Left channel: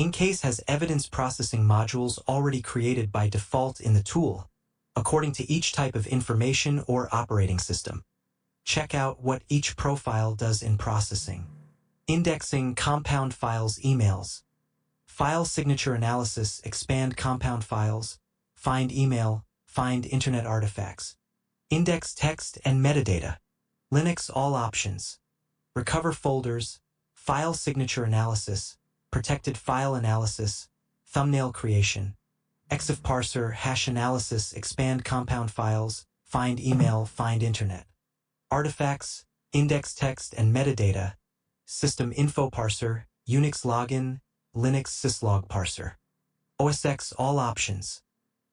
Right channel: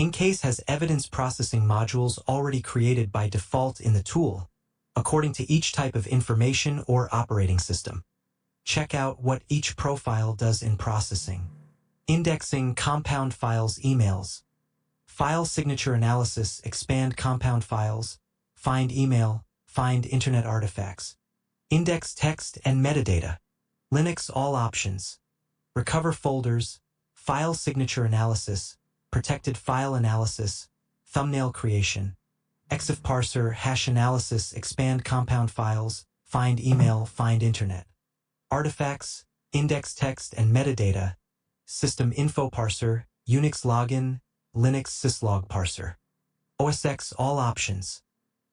Encase has evidence processing modules already created by default in the tool, according to each type of information or operating system. Check out what each profile does in processing. Indexing compound files emails. File signature analysis expand compound files. Find email, find internet artifacts. Index text and metadata. Linux all options. Recover folders. File signature analysis. Protected file analysis. Thumbnail creation. EXIF parser hash analysis expand compound files. Find email, find internet. Artifacts, index text and metadata. System info parser, Unix login, Linux syslog parser. OSX all options.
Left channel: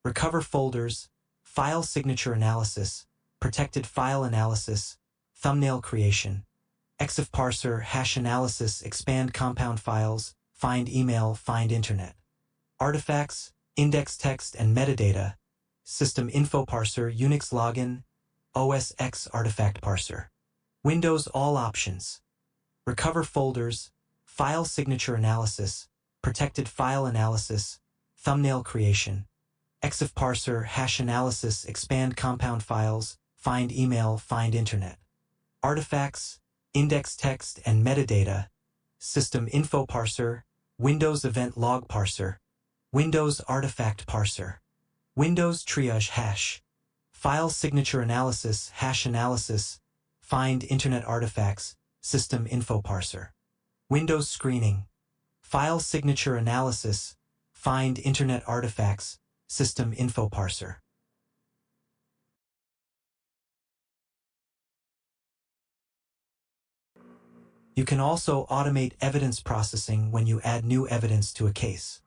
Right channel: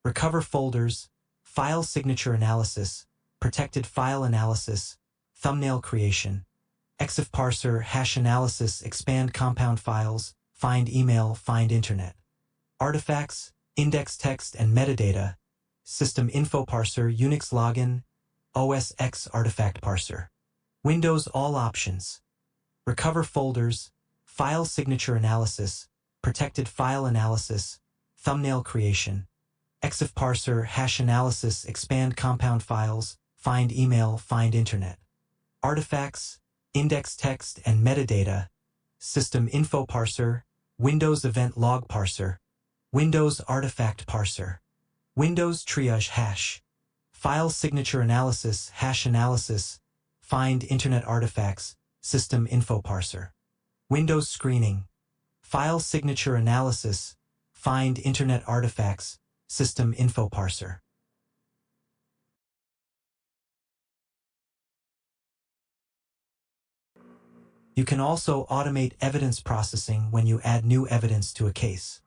Recover folders, file signature analysis, protected file analysis, thumbnail creation. EXIF parser hash analysis expand compound files, find email, find internet. Artifacts, index text and metadata. System info parser, Unix login, OSX artifact parser. Windows all options. Recover folders, file signature analysis, protected file analysis, thumbnail creation. EXIF parser hash analysis expand compound files, find email, find internet. Artifacts, index text and metadata. System info parser, Windows event log parser. Windows artifact parser. Windows triage hash. File signature analysis, hash analysis, find internet artifacts, system info parser. Windows screening. File signature analysis, find internet artifacts, system info parser. You can also automate evidence processing when you add new evidence to a case.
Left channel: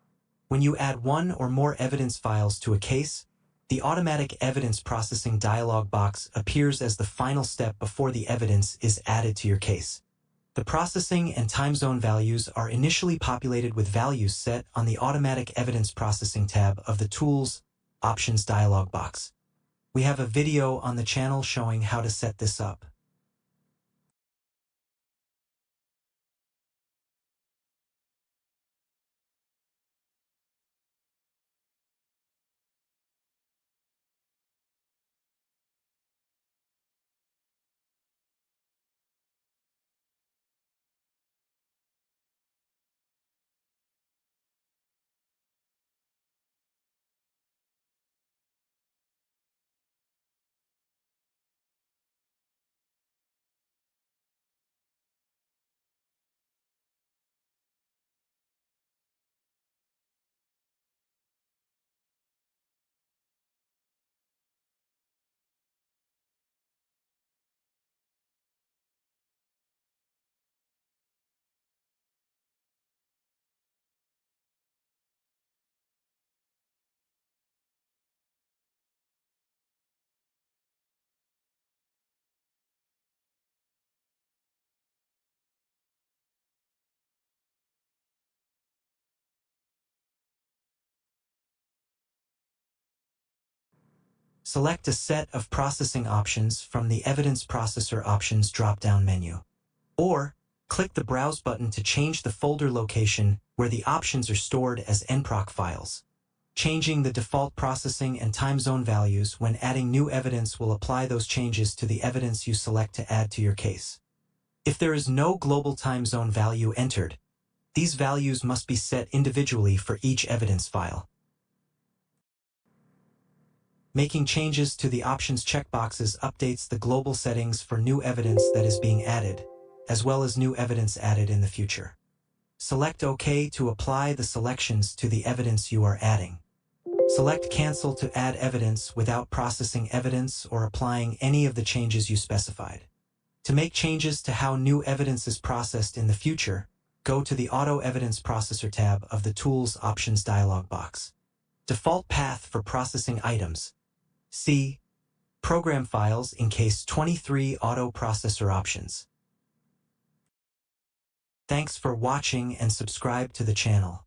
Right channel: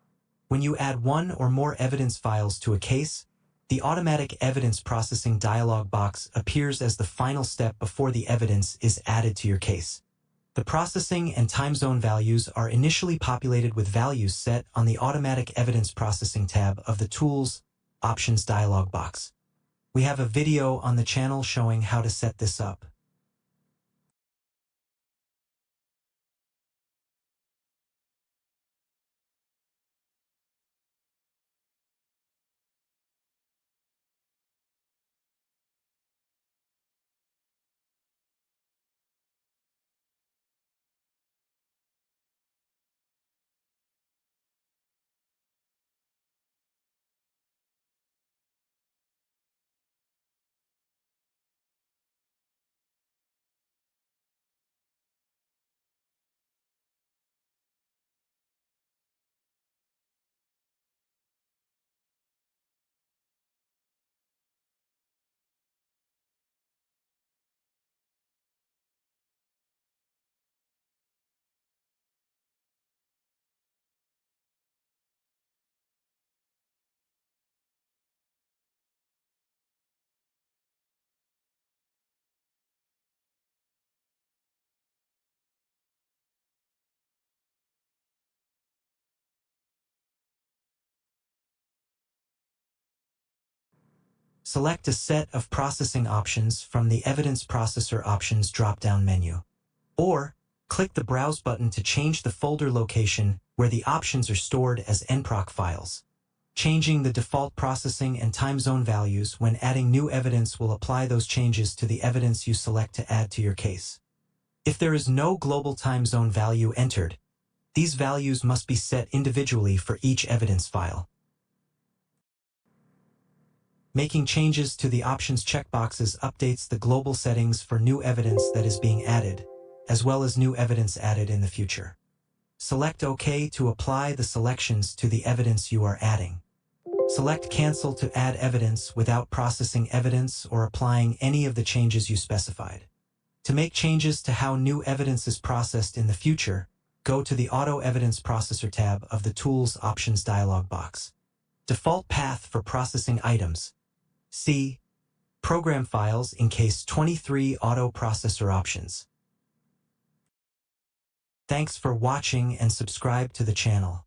When you add one or more evidence files to a case, the automatic evidence processing dialog box appears as the final step before the evidence is added to your case. The processing and time zone values are initially populated with values set on the Automatic Evidence Processing tab of the Tools Options dialog box. We have a video on the channel showing how to set this up. Select a set of processing options from the Evidence Processor Options drop-down menu. Or, click the Browse button to change the folder location where the options are stored as nproc files. Changing the default processing and time zone values when adding new evidence will apply those changes to the evidence you select to add to your case. If there is no global time zone value entered, these values must be set individually for each evidence file. Making changes to the options checkboxes updates the global settings for new evidence that is being added, as well as new evidence added in the future. Select OK to apply the selections to the evidence you are adding. Select Cancel to add evidence without processing evidence or applying any of the changes you specified. To make changes to how new evidence is processed in the future, go to the Auto Evidence Processor tab of the Tools Options dialog box. Default path for processing items. C. Program files Encase 23 Auto Processor Options. Thanks for watching and subscribe to the channel.